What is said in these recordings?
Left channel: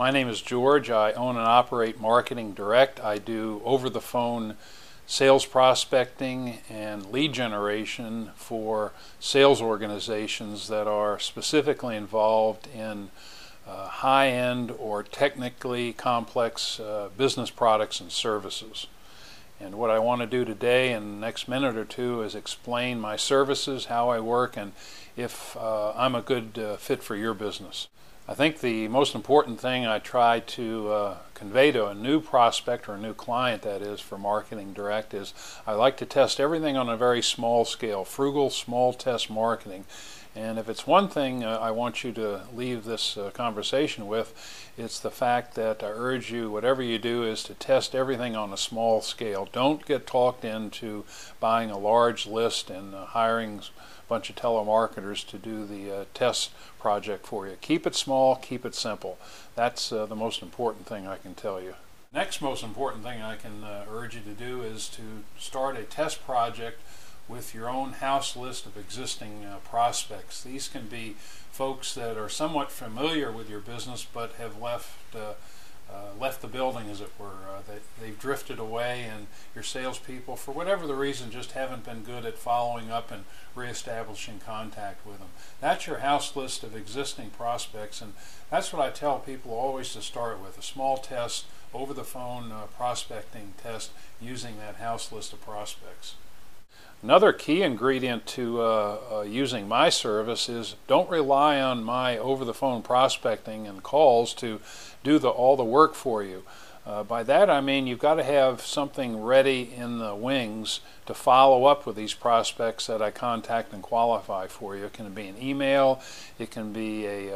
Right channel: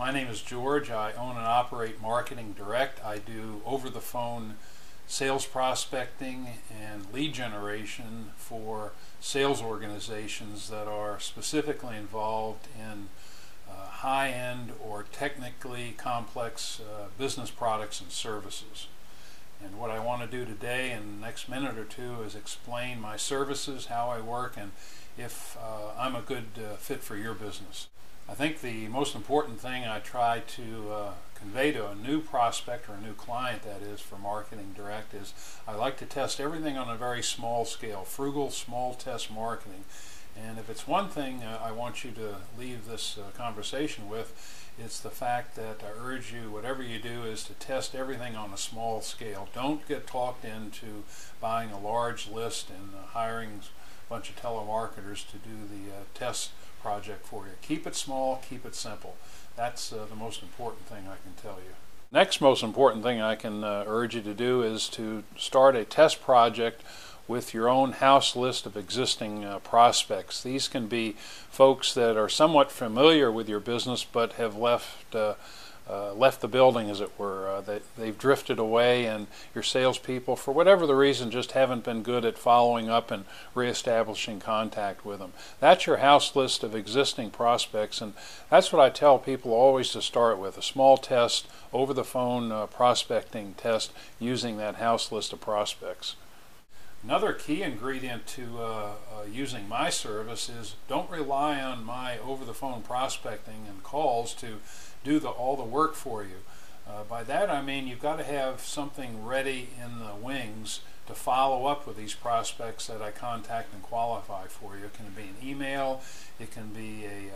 My name is George. I own and operate Marketing Direct. I do over-the-phone sales prospecting and lead generation for sales organizations that are specifically involved in high-end or technically complex business products and services. And what I want to do today in the next minute or two is explain my services, how I work, and if I'm a good fit for your business. I think the most important thing I try to convey to a new prospect, or a new client that is, for Marketing Direct is I like to test everything on a very small scale, frugal, small test marketing. And if it's one thing I want you to leave this conversation with, it's the fact that I urge you, whatever you do, is to test everything on a small scale. Don't get talked into buying a large list and hiring a bunch of telemarketers to do the test project for you. Keep it small, keep it simple. That's the most important thing I can tell you. Next most important thing I can urge you to do is to start a test project with your own house list of existing prospects. These can be folks that are somewhat familiar with your business but have left the building, as it were. They've drifted away, and your salespeople, for whatever the reason, just haven't been good at following up and reestablishing contact with them. That's your house list of existing prospects, and that's what I tell people always to start with, a small test, over the phone prospecting test using that house list of prospects. Another key ingredient to using my service is don't rely on my over-the-phone prospecting and calls to do all the work for you. By that I mean you've got to have something ready in the wings to follow up with these prospects that I contact and qualify for you. It can be an email, it can be a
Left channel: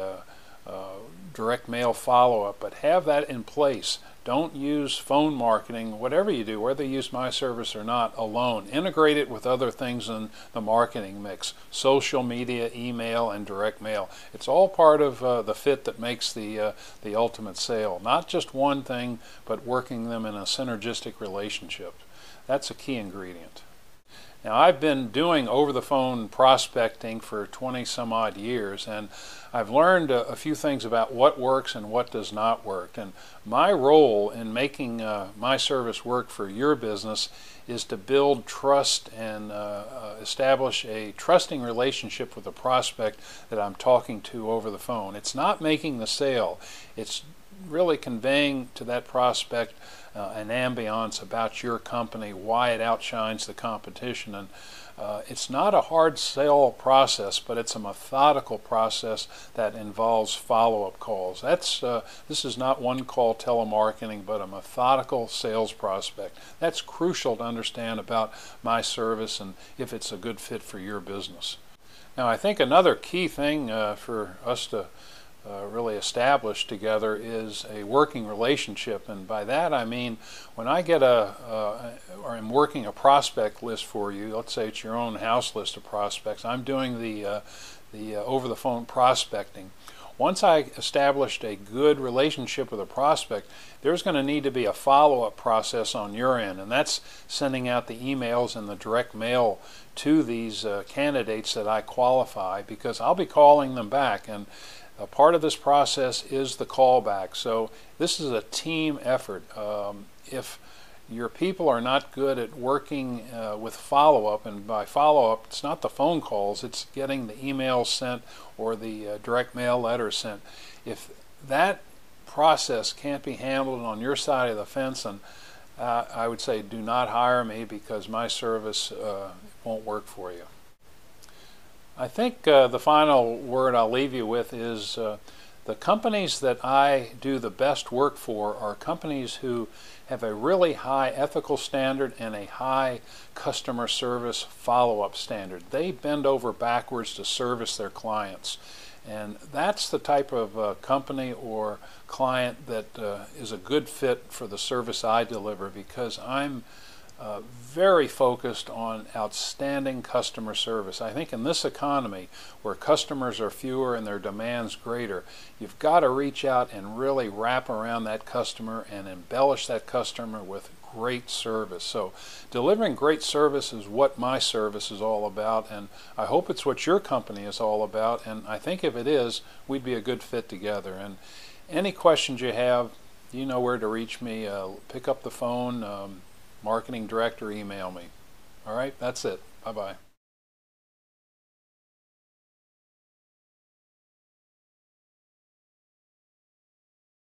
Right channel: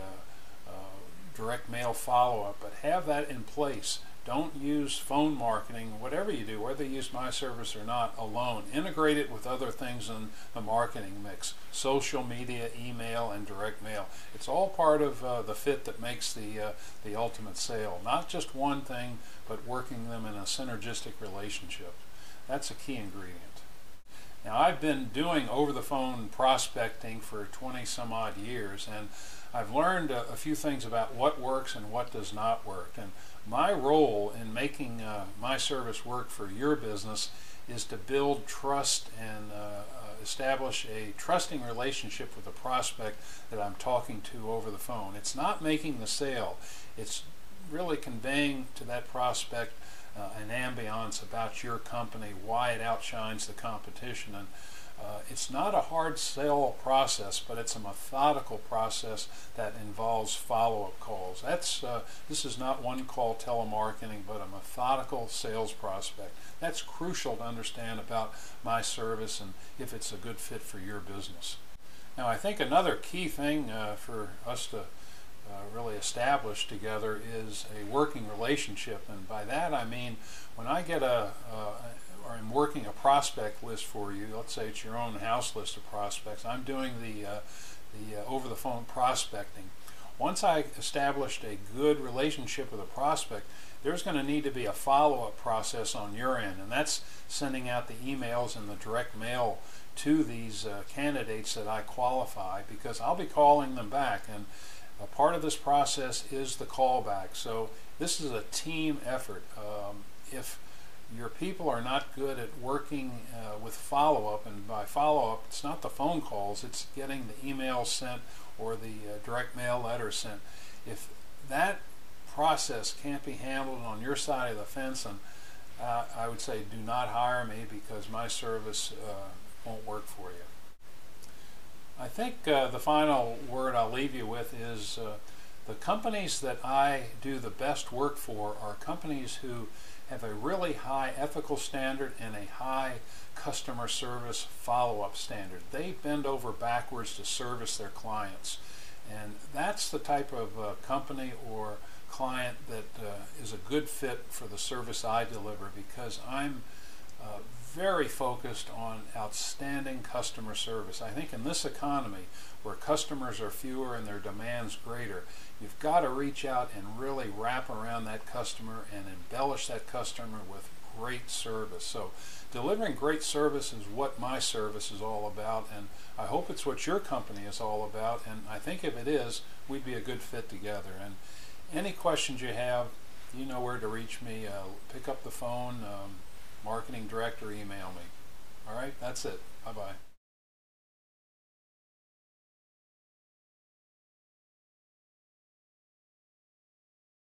direct mail follow-up, but have that in place. Don't use phone marketing, whatever you do, whether you use my service or not, alone. Integrate it with other things in the marketing mix, social media, email, and direct mail. It's all part of the fit that makes the ultimate sale. Not just one thing, but working them in a synergistic relationship. That's a key ingredient. Now, I've been doing over-the-phone prospecting for 20 some odd years, and I've learned a few things about what works and what does not work. And my role in making my service work for your business is to build trust and establish a trusting relationship with the prospect that I'm talking to over the phone. It's not making the sale. It's really conveying to that prospect an ambiance about your company, why it outshines the competition. And it's not a hard sell process, but it's a methodical process that involves follow-up calls. This is not one-call telemarketing, but a methodical sales prospect. That's crucial to understand about my service and if it's a good fit for your business. Now, I think another key thing for us to really establish together is a working relationship, and by that I mean when I get or I'm working a prospect list for you, let's say it's your own house list of prospects, I'm doing the over-the-phone prospecting. Once I established a good relationship with a prospect, there's going to need to be a follow-up process on your end, and that's sending out the emails and the direct mail to these candidates that I qualify, because I'll be calling them back, and a part of this process is the callback. So this is a team effort. If your people are not good at working with follow-up, and by follow-up it's not the phone calls, it's getting the emails sent or the direct mail letters sent. If that process can't be handled on your side of the fence, and I would say do not hire me, because my service won't work for you. I think the final word I'll leave you with is the companies that I do the best work for are companies who have a really high ethical standard and a high customer service follow-up standard. They bend over backwards to service their clients, and that's the type of company or client that is a good fit for the service I deliver, because I'm very focused on outstanding customer service. I think in this economy, where customers are fewer and their demands greater, you've got to reach out and really wrap around that customer and embellish that customer with great service. So delivering great service is what my service is all about, and I hope it's what your company is all about, and I think if it is, we'd be a good fit together. And Any questions you have, you know where to reach me. Pick up the phone, marketing director, email me. All right, that's it. Bye-bye.